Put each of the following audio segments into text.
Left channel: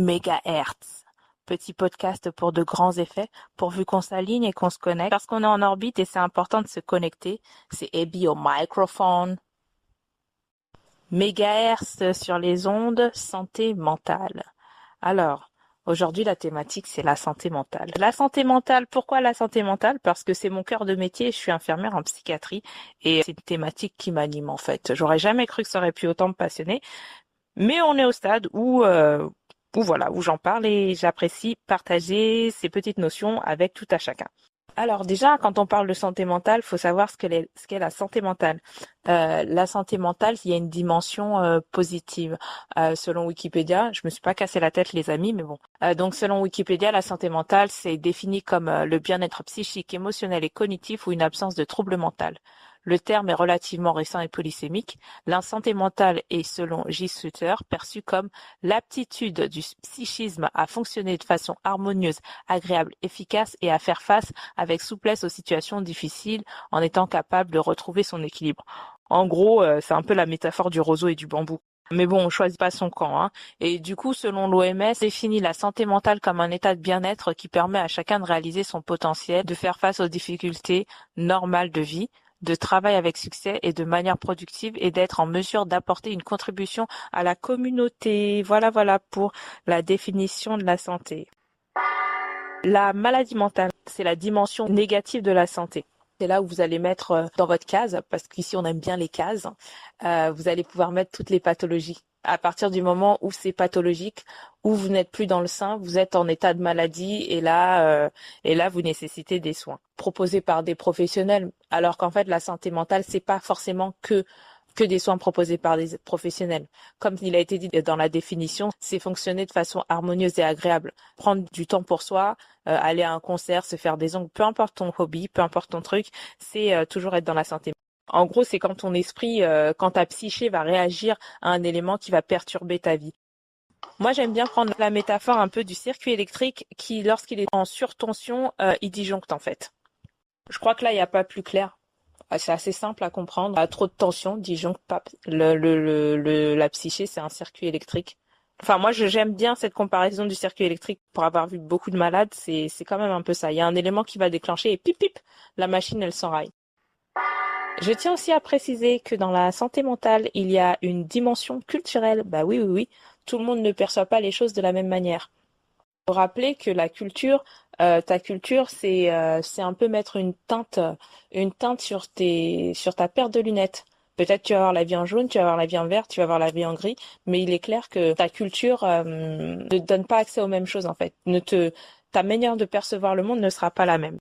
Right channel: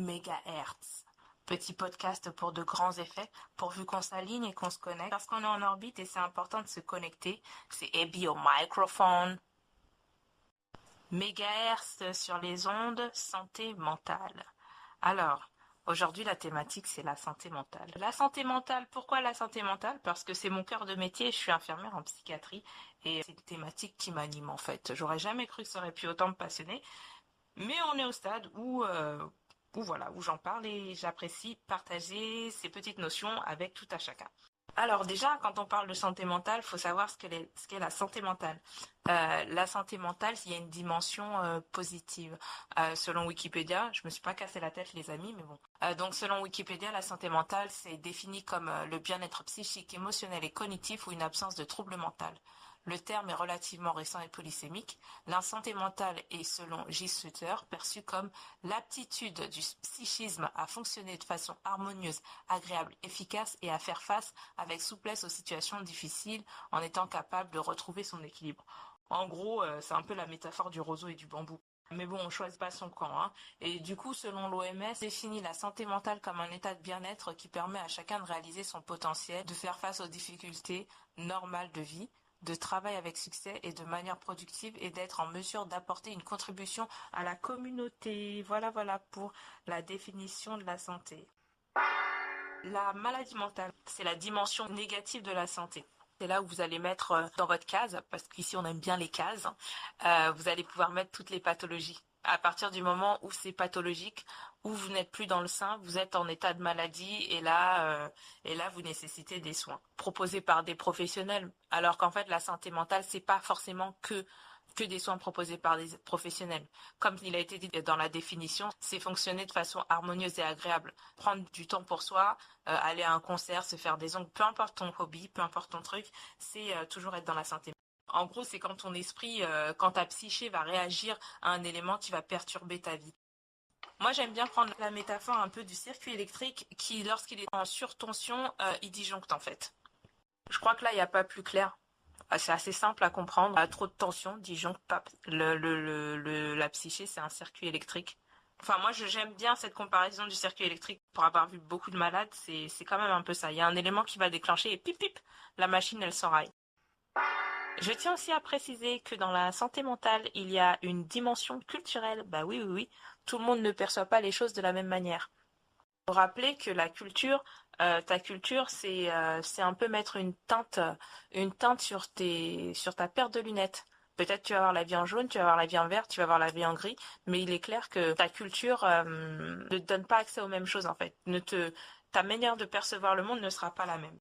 mégahertz. Petit podcast pour de grands effets, pourvu qu'on s'aligne et qu'on se connecte, parce qu'on est en orbite et c'est important de se connecter. C'est Abby au microphone. Mégahertz sur les ondes, santé mentale. Alors, aujourd'hui, la thématique, c'est la santé mentale. La santé mentale, pourquoi la santé mentale? Parce que c'est mon cœur de métier, je suis infirmière en psychiatrie et c'est une thématique qui m'anime en fait. J'aurais jamais cru que ça aurait pu autant me passionner, mais on est au stade où voilà, où j'en parle et j'apprécie partager ces petites notions avec tout à chacun. Alors déjà, quand on parle de santé mentale, il faut savoir ce qu'est la santé mentale. La santé mentale, il y a une dimension positive. Selon Wikipédia, je me suis pas cassé la tête les amis, mais bon. Donc selon Wikipédia, la santé mentale, c'est défini comme le bien-être psychique, émotionnel et cognitif ou une absence de trouble mental. Le terme est relativement récent et polysémique. La santé mentale est, selon J. Sutter, perçue comme l'aptitude du psychisme à fonctionner de façon harmonieuse, agréable, efficace et à faire face avec souplesse aux situations difficiles en étant capable de retrouver son équilibre. En gros, c'est un peu la métaphore du roseau et du bambou. Mais bon, on choisit pas son camp, hein. Et du coup, selon l'OMS, définit la santé mentale comme un état de bien-être qui permet à chacun de réaliser son potentiel, de faire face aux difficultés normales de vie, de travailler avec succès et de manière productive et d'être en mesure d'apporter une contribution à la communauté. Voilà pour la définition de la santé. La maladie mentale, c'est la dimension négative de la santé. C'est là où vous allez mettre dans votre case, parce qu'ici on aime bien les cases, vous allez pouvoir mettre toutes les pathologies. À partir du moment où c'est pathologique, où vous n'êtes plus dans le sein, vous êtes en état de maladie et là vous nécessitez des soins proposés par des professionnels. Alors qu'en fait la santé mentale c'est pas forcément que des soins proposés par des professionnels. Comme il a été dit dans la définition, c'est fonctionner de façon harmonieuse et agréable. Prendre du temps pour soi, aller à un concert, se faire des ongles, peu importe ton hobby, peu importe ton truc, c'est toujours être dans la santé. En gros, c'est quand ton esprit, quand ta psyché va réagir à un élément qui va perturber ta vie. Moi, j'aime bien prendre la métaphore un peu du circuit électrique qui, lorsqu'il est en surtension, il disjoncte en fait. Je crois que là, il n'y a pas plus clair. C'est assez simple à comprendre. À trop de tension, disjoncte pas. La psyché, c'est un circuit électrique. Enfin, moi, j'aime bien cette comparaison du circuit électrique. Pour avoir vu beaucoup de malades, c'est quand même un peu ça. Il y a un élément qui va déclencher et pip pip, la machine, elle s'enraille. Je tiens aussi à préciser que dans la santé mentale, il y a une dimension culturelle. Bah oui. Tout le monde ne perçoit pas les choses de la même manière. Faut rappeler que la culture, ta culture, c'est un peu mettre une teinte sur ta paire de lunettes. Peut-être tu vas avoir la vie en jaune, tu vas avoir la vie en vert, tu vas avoir la vie en gris, mais il est clair que ta culture ne te donne pas accès aux mêmes choses en fait. Ta manière de percevoir le monde ne sera pas la même.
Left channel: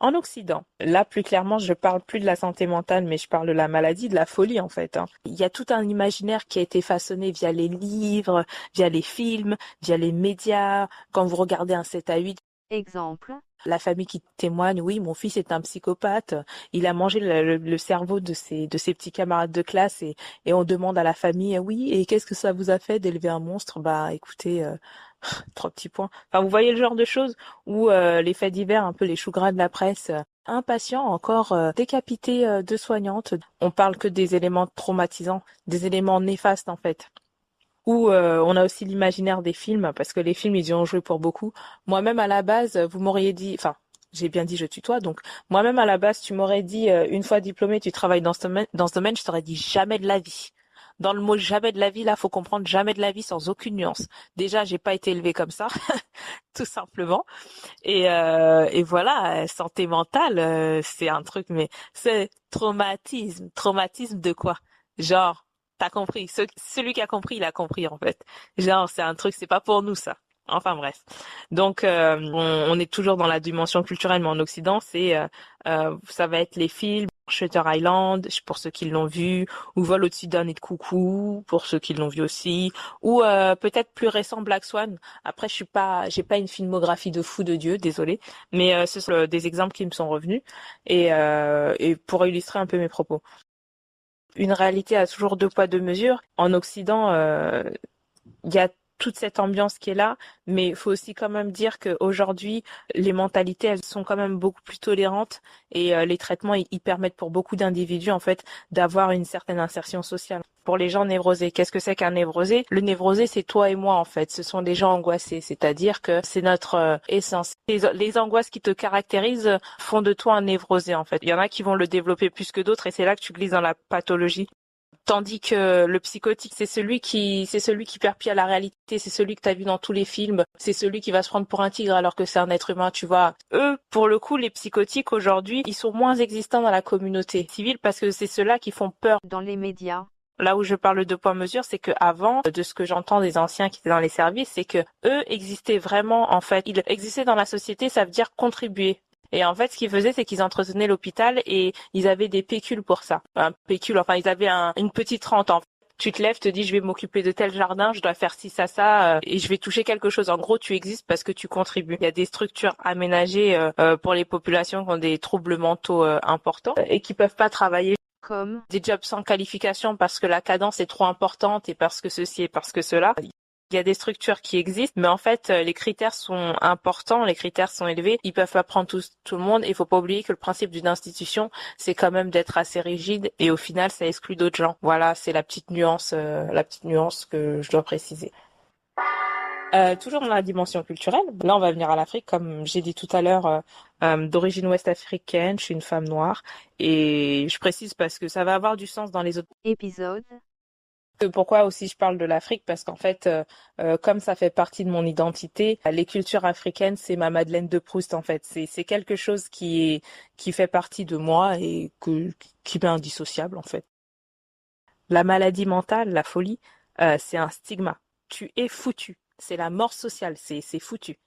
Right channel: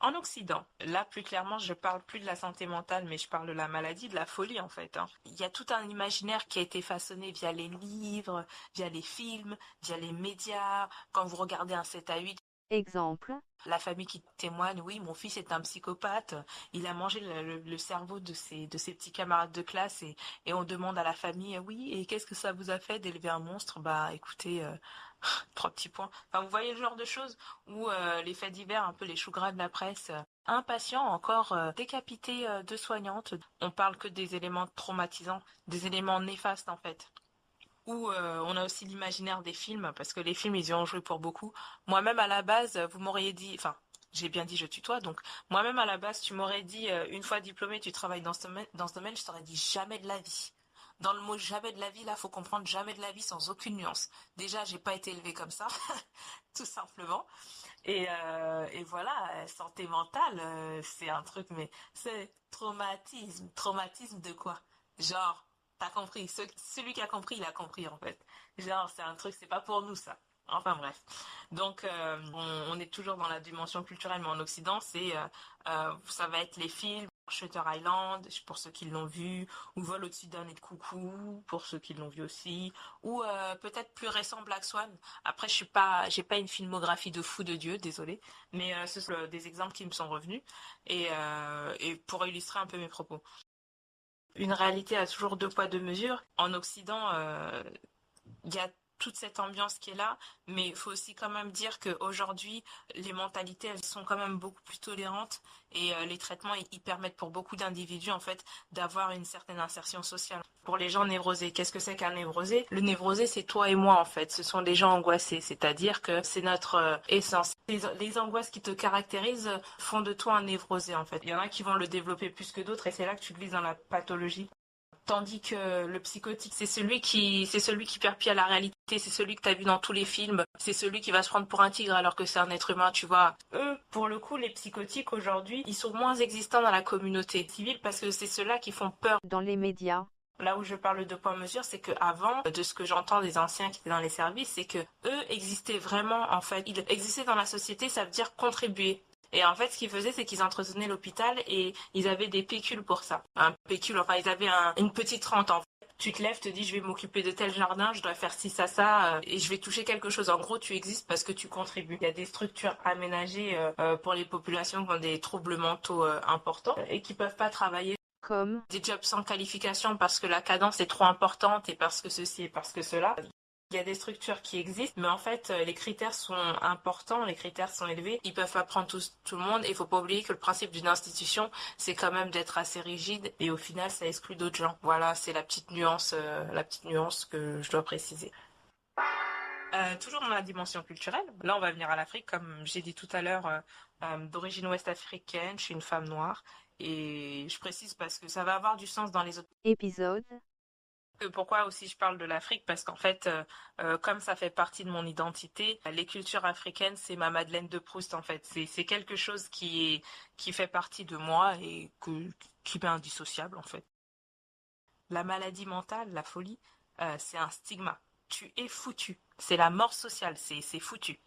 En Occident, là plus clairement, je parle plus de la santé mentale, mais je parle de la maladie, de la folie en fait, hein. Il y a tout un imaginaire qui a été façonné via les livres, via les films, via les médias. Quand vous regardez un 7 à 8, Exemple. la famille qui témoigne, oui, mon fils est un psychopathe, il a mangé le cerveau de ses petits camarades de classe et on demande à la famille, oui, et qu'est-ce que ça vous a fait d'élever un monstre? Bah écoutez, trois petits points. Enfin, vous voyez le genre de choses où les faits divers, un peu les choux gras de la presse, un patient encore décapité de soignante. On parle que des éléments traumatisants, des éléments néfastes en fait. Ou on a aussi l'imaginaire des films, parce que les films, ils y ont joué pour beaucoup. Moi-même, à la base, vous m'auriez dit, enfin, j'ai bien dit je tutoie, donc moi-même, à la base, tu m'aurais dit, une fois diplômé, tu travailles dans ce domaine, je t'aurais dit jamais de la vie. Dans le mot jamais de la vie, là, faut comprendre jamais de la vie sans aucune nuance. Déjà, j'ai pas été élevée comme ça, tout simplement. Et voilà, santé mentale, c'est un truc, mais c'est traumatisme. Traumatisme de quoi? Genre, t'as compris. Celui qui a compris, il a compris en fait. Genre, c'est un truc, c'est pas pour nous ça. Enfin bref. Donc, on est toujours dans la dimension culturelle, mais en Occident, ça va être les films. Shutter Island, pour ceux qui l'ont vu, ou Vol au-dessus d'un nid de coucou, pour ceux qui l'ont vu aussi, ou peut-être plus récent Black Swan. Après, j'ai pas une filmographie de fou de Dieu, désolé, mais ce sont des exemples qui me sont revenus et pour illustrer un peu mes propos. Une réalité a toujours deux poids deux mesures. En Occident, il y a toute cette ambiance qui est là, mais il faut aussi quand même dire qu'aujourd'hui, les mentalités, elles sont quand même beaucoup plus tolérantes et les traitements, ils permettent pour beaucoup d'individus, en fait, d'avoir une certaine insertion sociale. Pour les gens névrosés, qu'est-ce que c'est qu'un névrosé? Le névrosé, c'est toi et moi, en fait. Ce sont des gens angoissés, c'est-à-dire que c'est notre essence. Les angoisses qui te caractérisent font de toi un névrosé, en fait. Il y en a qui vont le développer plus que d'autres et c'est là que tu glisses dans la pathologie. Tandis que le psychotique, c'est celui qui perd pied à la réalité, c'est celui que tu as vu dans tous les films, c'est celui qui va se prendre pour un tigre alors que c'est un être humain, tu vois. Eux, pour le coup, les psychotiques aujourd'hui, ils sont moins existants dans la communauté civile parce que c'est ceux-là qui font peur dans les médias. Là où je parle de poids mesure, c'est que avant, de ce que j'entends des anciens qui étaient dans les services, c'est que eux existaient vraiment, en fait, ils existaient dans la société, ça veut dire contribuer. Et en fait, ce qu'ils faisaient, c'est qu'ils entretenaient l'hôpital et ils avaient des pécules pour ça. Un pécule, enfin, ils avaient une petite rente, en fait. Tu te lèves, te dis, je vais m'occuper de tel jardin, je dois faire ci, ça, et je vais toucher quelque chose. En gros, tu existes parce que tu contribues. Il y a des structures aménagées pour les populations qui ont des troubles mentaux importants et qui peuvent pas travailler Comme des jobs sans qualification parce que la cadence est trop importante et parce que ceci et parce que cela. Il y a des structures qui existent, mais en fait, les critères sont importants, les critères sont élevés. Ils peuvent pas prendre tout le monde. Il faut pas oublier que le principe d'une institution, c'est quand même d'être assez rigide et au final, ça exclut d'autres gens. Voilà, c'est la petite nuance que je dois préciser. Toujours dans la dimension culturelle, là on va venir à l'Afrique, comme j'ai dit tout à l'heure, d'origine ouest-africaine, je suis une femme noire, et je précise parce que ça va avoir du sens dans les autres. épisode, Pourquoi aussi je parle de l'Afrique? Parce qu'en fait, comme ça fait partie de mon identité, les cultures africaines, c'est ma Madeleine de Proust en fait. C'est quelque chose qui fait partie de moi et qui m'est indissociable en fait. La maladie mentale, la folie, c'est un stigma. Tu es foutu. C'est la mort sociale, c'est foutu.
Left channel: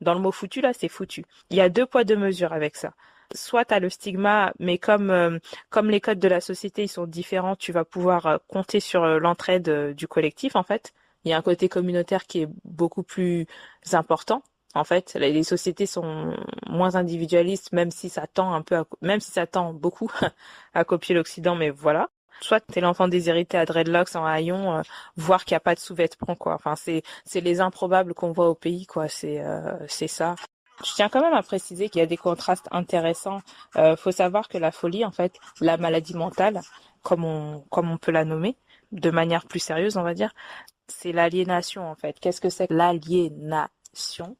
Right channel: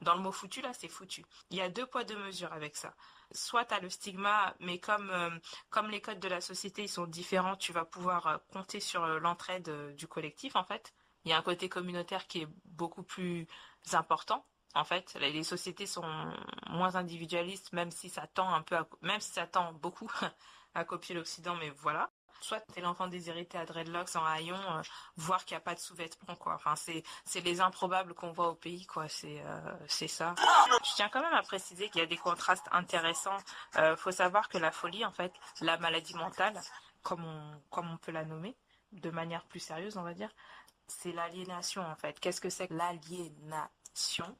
Dans le mot foutu, là, c'est foutu. Il y a deux poids, deux mesures avec ça. Soit tu as le stigma, mais comme les codes de la société, ils sont différents, tu vas pouvoir compter sur l'entraide du collectif, en fait. Il y a un côté communautaire qui est beaucoup plus important. En fait, les sociétés sont moins individualistes, même si ça tend un peu même si ça tend beaucoup à copier l'Occident, mais voilà. Soit t'es l'enfant déshérité à dreadlocks en haillons, voir qu'il n'y a pas de sous-vêtements, quoi. Enfin, c'est les improbables qu'on voit au pays, quoi. C'est ça. Je tiens quand même à préciser qu'il y a des contrastes intéressants. Faut savoir que la folie, en fait, la maladie mentale, comme on peut la nommer, de manière plus sérieuse, on va dire, c'est l'aliénation, en fait. Qu'est-ce que c'est que l'aliénation?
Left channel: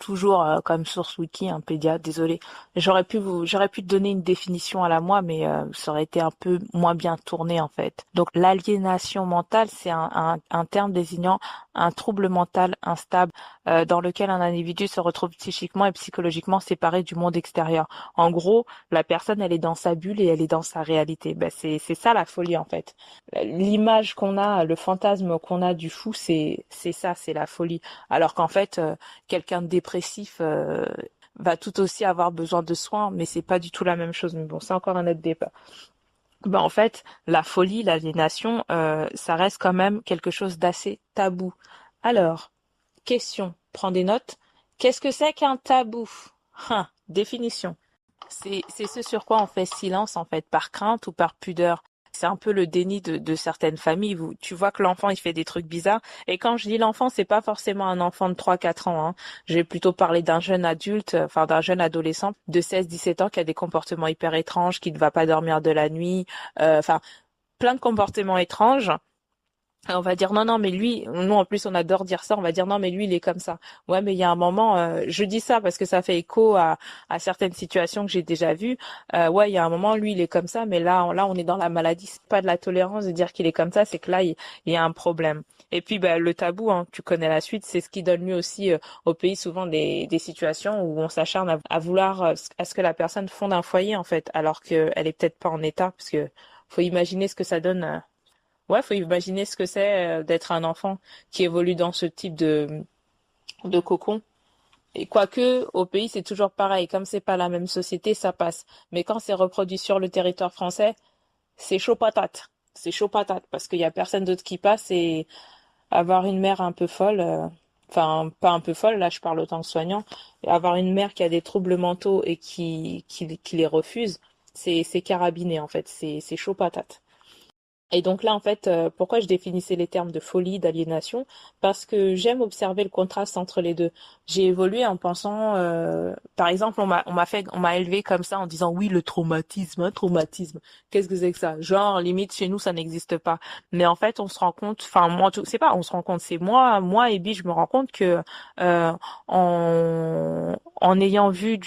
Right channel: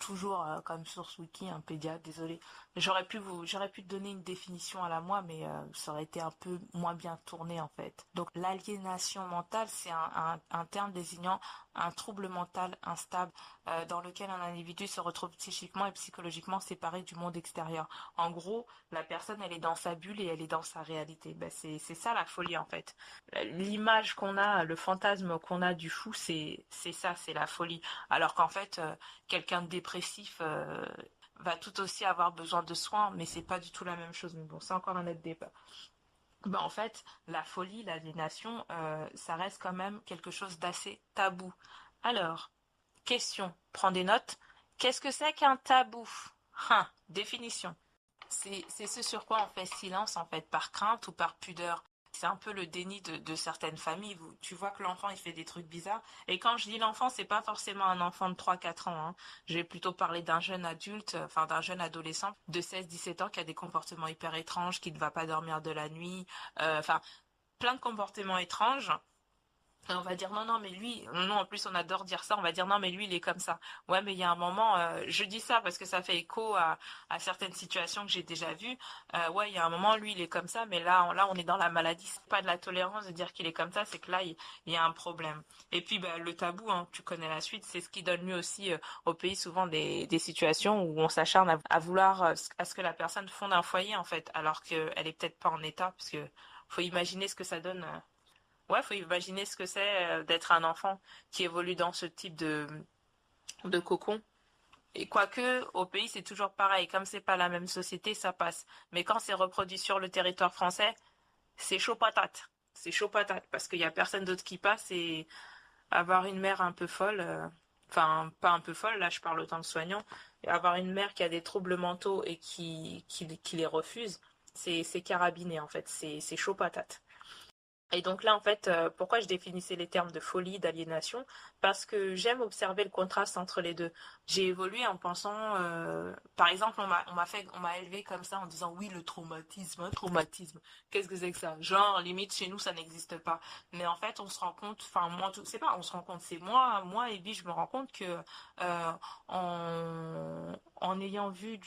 Toujours comme source wiki, un pédiatre, désolé. J'aurais pu te donner une définition à la moi, mais ça aurait été un peu moins bien tourné en fait. Donc l'aliénation mentale, c'est un terme désignant un trouble mental instable dans lequel un individu se retrouve psychiquement et psychologiquement séparé du monde extérieur. En gros, la personne, elle est dans sa bulle et elle est dans sa réalité. Ben, c'est ça la folie en fait. L'image qu'on a, le fantasme qu'on a du fou, c'est ça, c'est la folie. Alors qu'en fait, quelqu'un de dépressif va tout aussi avoir besoin de soins, mais c'est pas du tout la même chose. Mais bon, c'est encore un autre débat. Ben, en fait, la folie, l'aliénation, ça reste quand même quelque chose d'assez tabou. Alors, question, prends des notes. Qu'est-ce que c'est qu'un tabou? Définition. C'est ce sur quoi on fait silence, en fait, par crainte ou par pudeur. C'est un peu le déni de certaines familles. Tu vois que l'enfant, il fait des trucs bizarres. Et quand je dis l'enfant, c'est pas forcément un enfant de 3 4 ans, hein. Je vais plutôt parler d'un jeune adulte, enfin d'un jeune adolescent de 16 17 ans qui a des comportements hyper étranges, qui ne va pas dormir de la nuit, enfin plein de comportements étranges. Et on va dire non, non, mais lui, nous en plus on adore dire ça, on va dire non, mais lui il est comme ça. Ouais, mais il y a un moment, je dis ça parce que ça fait écho à certaines situations que j'ai déjà vues. Ouais, il y a un moment, lui il est comme ça, mais là on est dans la maladie, c'est pas de la tolérance de dire qu'il est comme ça, c'est que là il y a un problème. Et puis bah, le tabou, hein, tu connais la suite, c'est ce qui donne lieu aussi au pays souvent des situations où on s'acharne à vouloir à ce que la personne fonde un foyer en fait, alors qu'elle est peut-être pas en état, parce que faut imaginer ce que ça donne. Ouais, faut imaginer ce que c'est d'être un enfant qui évolue dans ce type de cocon. Et quoique, au pays, c'est toujours pareil. Comme c'est pas la même société, ça passe. Mais quand c'est reproduit sur le territoire français, c'est chaud patate. C'est chaud patate parce qu'il y a personne d'autre qui passe et avoir une mère un peu folle, enfin, pas un peu folle, là, je parle autant que soignant, et avoir une mère qui a des troubles mentaux et qui les refuse, c'est carabiné, en fait. C'est chaud patate. Et donc là, en fait, pourquoi je définissais les termes de folie, d'aliénation? Parce que j'aime observer le contraste entre les deux. J'ai évolué en pensant, par exemple, on m'a élevé comme ça en disant oui, le traumatisme, un traumatisme. Qu'est-ce que c'est que ça? Genre, limite, chez nous, ça n'existe pas. Mais en fait, on se rend compte, enfin, moi, c'est pas, on se rend compte, c'est moi et Bi, je me rends compte que, euh, en ayant vu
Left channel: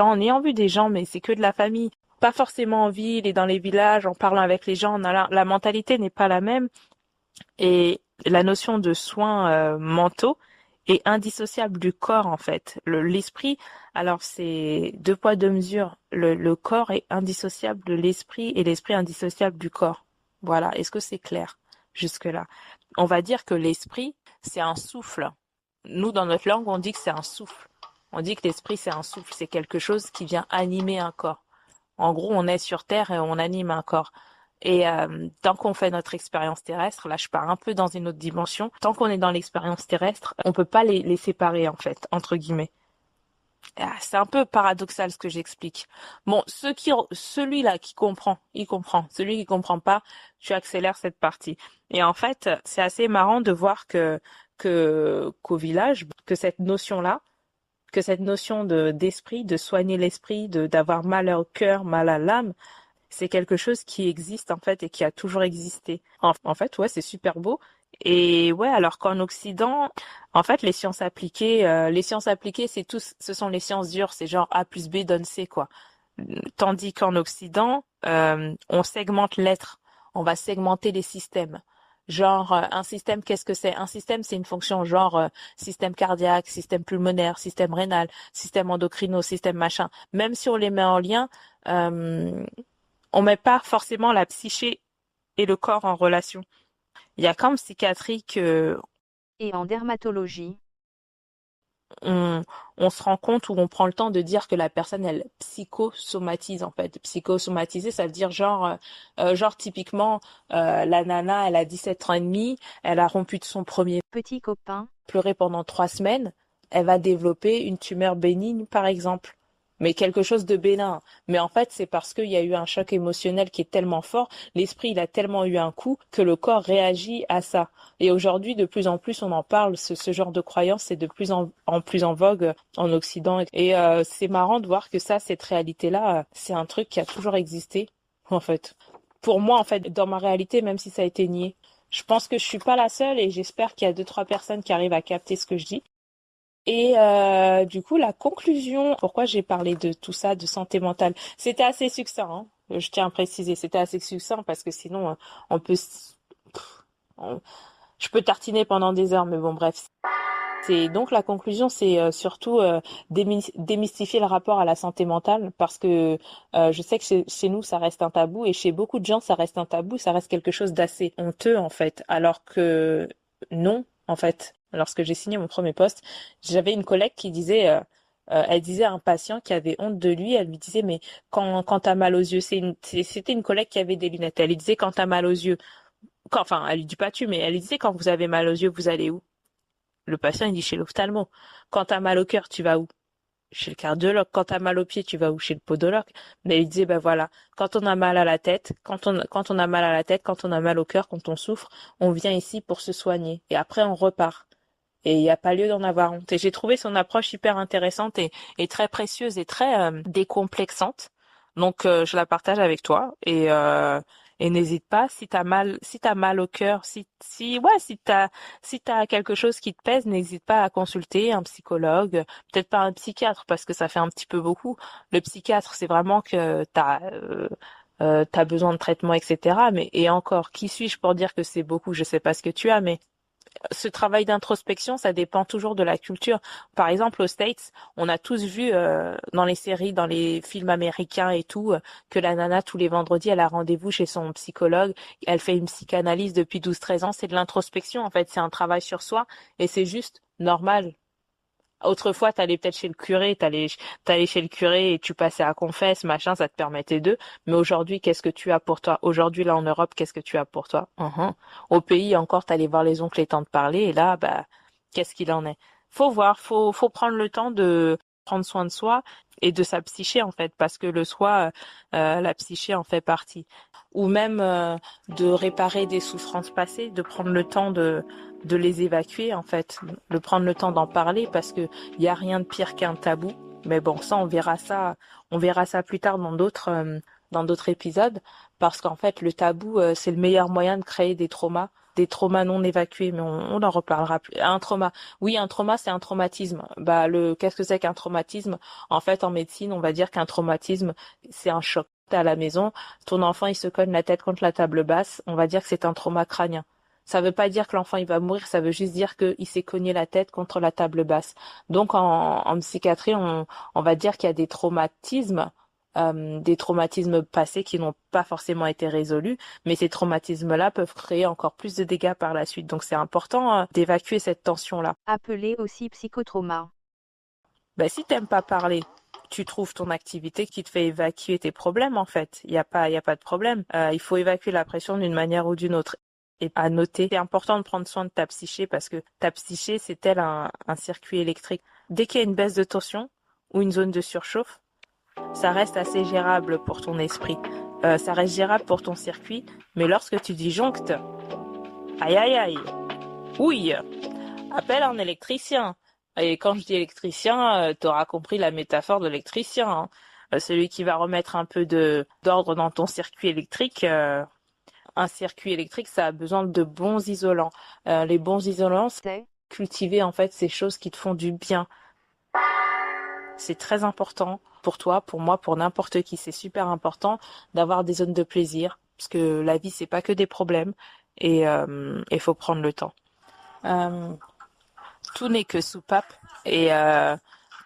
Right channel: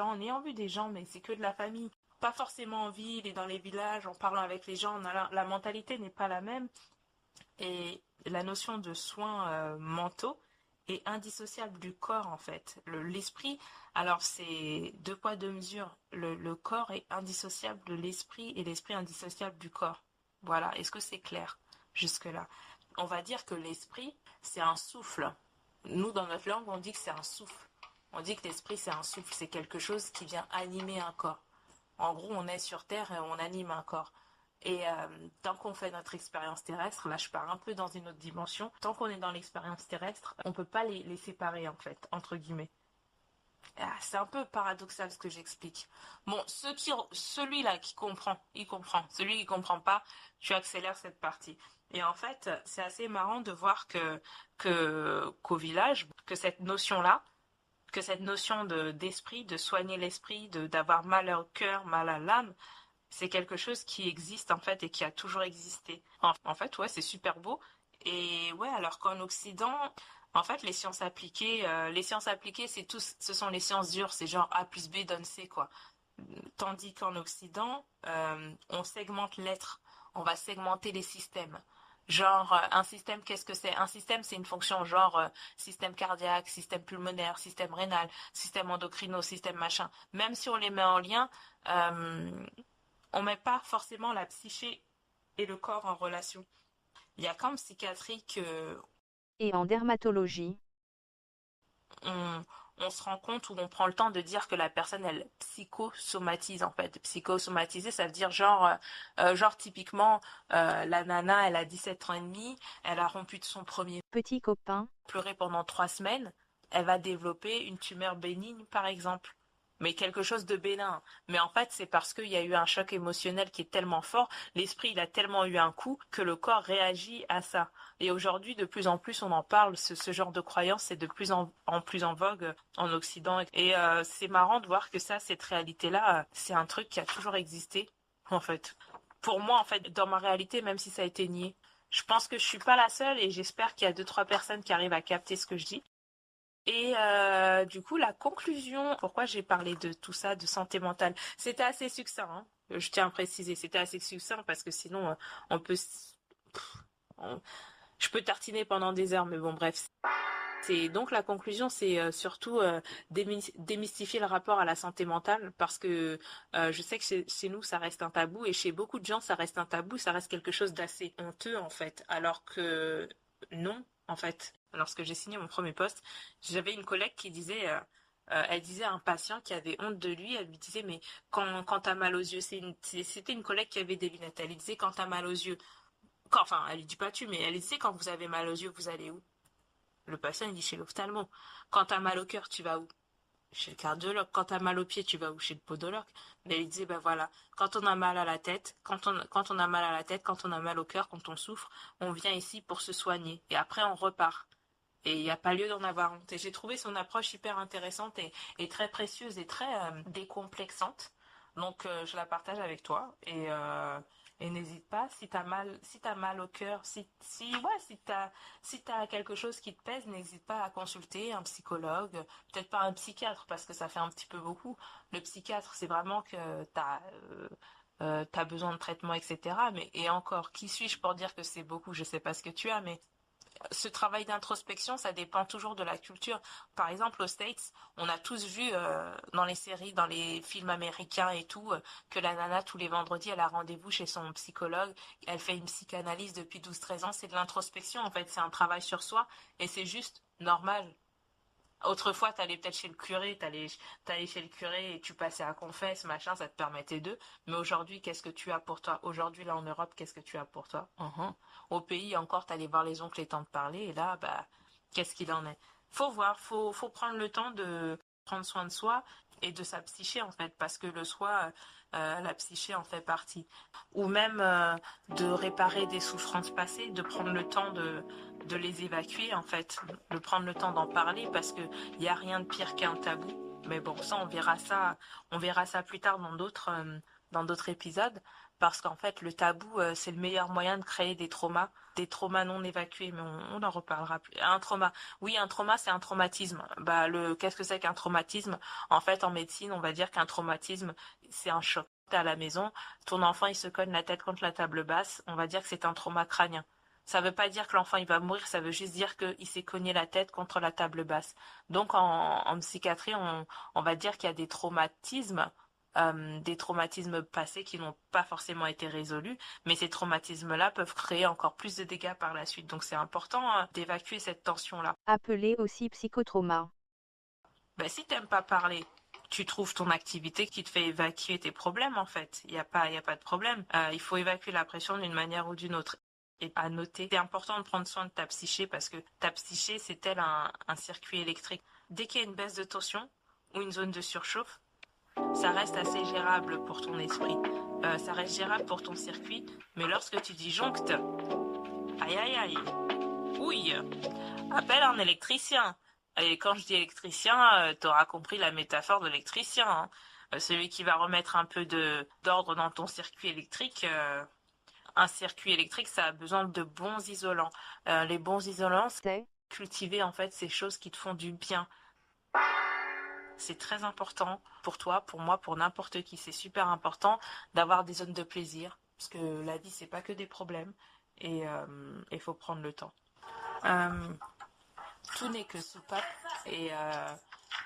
en ayant vu des gens, mais c'est que de la famille pas forcément en ville et dans les villages, en parlant avec les gens, la mentalité n'est pas la même et la notion de soins mentaux est indissociable du corps en fait. L'esprit, alors c'est deux poids deux mesures. Le corps est indissociable de l'esprit et l'esprit indissociable du corps. Voilà, est-ce que c'est clair jusque-là? On va dire que l'esprit, c'est un souffle. Nous, dans notre langue, on dit que c'est un souffle. On dit que l'esprit, c'est un souffle, c'est quelque chose qui vient animer un corps. En gros, on est sur Terre et on anime un corps. Et tant qu'on fait notre expérience terrestre, là je pars un peu dans une autre dimension, tant qu'on est dans l'expérience terrestre, on peut pas les séparer en fait, entre guillemets. Ah, c'est un peu paradoxal ce que j'explique. Bon, celui-là qui comprend, il comprend. Celui qui comprend pas, tu accélères cette partie. Et en fait, c'est assez marrant de voir qu'au village, que cette notion d'esprit, de soigner l'esprit, d'avoir mal au cœur, mal à l'âme, c'est quelque chose qui existe en fait et qui a toujours existé. En fait, ouais, c'est super beau. Et ouais, alors qu'en Occident, en fait, les sciences appliquées, ce sont les sciences dures, c'est genre A plus B donne C, quoi. Tandis qu'en Occident, on segmente l'être, on va segmenter les systèmes. Genre, un système, qu'est-ce que c'est? Un système, c'est une fonction genre système cardiaque, système pulmonaire, système rénal, système endocrino, système machin. Même si on les met en lien, euh, on met pas forcément la psyché et le corps en relation. Il y a qu'en psychiatrie que Et en dermatologie, on, on se rend compte ou on prend le temps de dire que la personne, elle psychosomatise en fait. Psychosomatiser, ça veut dire genre typiquement, la nana, elle a 17 ans et demi, elle a rompu de son premier petit copain, pleurer pendant 3 semaines, elle va développer une tumeur bénigne, par exemple. Mais quelque chose de bénin. Mais en fait, c'est parce qu'il y a eu un choc émotionnel qui est tellement fort, l'esprit, il a tellement eu un coup que le corps réagit à ça. Et aujourd'hui, de plus en plus, on en parle, ce genre de croyance est de plus en plus en vogue en Occident. Et c'est marrant de voir que ça, cette réalité-là, c'est un truc qui a toujours existé, en fait. Pour moi, en fait, dans ma réalité, même si ça a été nié. Je pense que je suis pas la seule et j'espère qu'il y a deux, trois personnes qui arrivent à capter ce que je dis. Et du coup, la conclusion, pourquoi j'ai parlé de tout ça, de santé mentale, c'était assez succinct, hein. Je tiens à préciser, c'était assez succinct parce que sinon, on peut, on- je peux tartiner pendant des heures, mais bon, bref. C'est donc la conclusion, c'est surtout démystifier le rapport à la santé mentale parce que je sais que chez nous ça reste un tabou et chez beaucoup de gens ça reste un tabou, ça reste quelque chose d'assez honteux en fait, alors que non en fait. Lorsque j'ai signé mon premier poste, j'avais une collègue qui disait, elle disait à un patient qui avait honte de lui, elle lui disait mais quand t'as mal aux yeux, c'était une collègue qui avait des lunettes, elle lui disait quand t'as mal aux yeux, enfin elle lui dit pas tu mais elle lui disait quand vous avez mal aux yeux vous allez où? Le patient, il dit chez l'ophtalmo. Quand t'as mal au cœur, tu vas où? Chez le cardiologue. Quand t'as mal aux pieds, tu vas où? Chez le podologue. Mais il disait, ben voilà, quand on a mal à la tête, quand on a mal à la tête, quand on a mal au cœur, quand on souffre, on vient ici pour se soigner. Et après, on repart. Et il n'y a pas lieu d'en avoir honte. Et j'ai trouvé son approche hyper intéressante et très précieuse et très décomplexante. Donc je la partage avec toi et n'hésite pas si t'as mal au cœur, si t'as quelque chose qui te pèse, n'hésite pas à consulter un psychologue, peut-être pas un psychiatre parce que ça fait un petit peu beaucoup. Le psychiatre, c'est vraiment que t'as besoin de traitement, etc. Mais et encore, qui suis-je pour dire que c'est beaucoup? Je sais pas ce que tu as, mais ce travail d'introspection, ça dépend toujours de la culture. Par exemple, aux States, on a tous vu dans les séries, dans les films américains et tout, que la nana, tous les vendredis, elle a rendez-vous chez son psychologue. Elle fait une psychanalyse depuis 12-13 ans. C'est de l'introspection, en fait. C'est un travail sur soi et c'est juste normal. Autrefois, t'allais peut-être chez le curé, t'allais chez le curé et tu passais à confesse, machin, ça te permettait d'eux. Mais aujourd'hui, qu'est-ce que tu as pour toi? Aujourd'hui, là, en Europe, qu'est-ce que tu as pour toi? Au pays, encore, t'allais voir les oncles et tantes parler, et là, bah, qu'est-ce qu'il en est? Faut voir, faut prendre le temps prendre soin de soi et de sa psyché en fait, parce que le soi, la psyché en fait partie. Ou même de réparer des souffrances passées, de prendre le temps de les évacuer en fait, de prendre le temps d'en parler parce que il y a rien de pire qu'un tabou. Mais bon, ça on verra ça plus tard dans d'autres épisodes, parce qu'en fait le tabou c'est le meilleur moyen de créer des traumas non évacués, mais on en reparlera plus. Un trauma, oui, un trauma, c'est un traumatisme. Bah, qu'est-ce que c'est qu'un traumatisme? En fait, en médecine, on va dire qu'un traumatisme, c'est un choc. T'es à la maison, ton enfant, il se cogne la tête contre la table basse, on va dire que c'est un trauma crânien. Ça veut pas dire que l'enfant, il va mourir, ça veut juste dire qu'il s'est cogné la tête contre la table basse. Donc, en psychiatrie, on va dire qu'il y a des traumatismes passés qui n'ont pas forcément été résolus, mais ces traumatismes-là peuvent créer encore plus de dégâts par la suite. Donc c'est important d'évacuer cette tension-là. appelé aussi psychotrauma. Ben, si t'aimes pas parler, tu trouves ton activité qui te fait évacuer tes problèmes en fait. Il y a pas de problème. Il faut évacuer la pression d'une manière ou d'une autre. Et à noter, c'est important de prendre soin de ta psyché parce que ta psyché, c'est tel un circuit électrique. Dès qu'il y a une baisse de tension ou une zone de surchauffe, ça reste assez gérable pour ton esprit. Ça reste gérable pour ton circuit, mais lorsque tu disjonctes, aïe aïe aïe, ouille, appelle un électricien. Et quand je dis électricien, t'auras compris la métaphore de l'électricien, hein. Celui qui va remettre un peu de d'ordre dans ton circuit électrique. Un circuit électrique, ça a besoin de bons isolants. Les bons isolants, c'est C'est cultiver en fait ces choses qui te font du bien. C'est très important pour toi, pour moi, pour n'importe qui. C'est super important d'avoir des zones de plaisir, parce que la vie, c'est pas que des problèmes, et il faut prendre le temps. Euh, tout n'est que soupape, et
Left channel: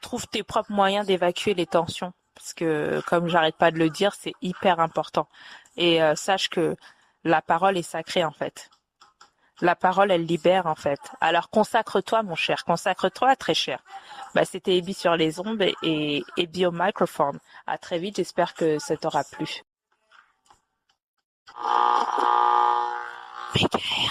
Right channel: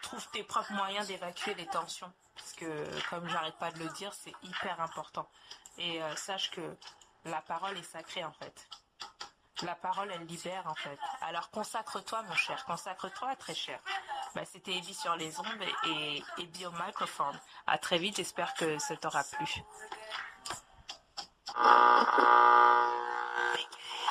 trouve tes propres moyens d'évacuer les tensions, parce que, comme j'arrête pas de le dire, c'est hyper important. Et sache que la parole est sacrée, en fait. La parole, elle libère, en fait. Alors consacre-toi, mon cher, consacre-toi, très cher. Bah, c'était Ebi sur les ondes et Ebi au microphone. À très vite, j'espère que ça t'aura plu. Michael.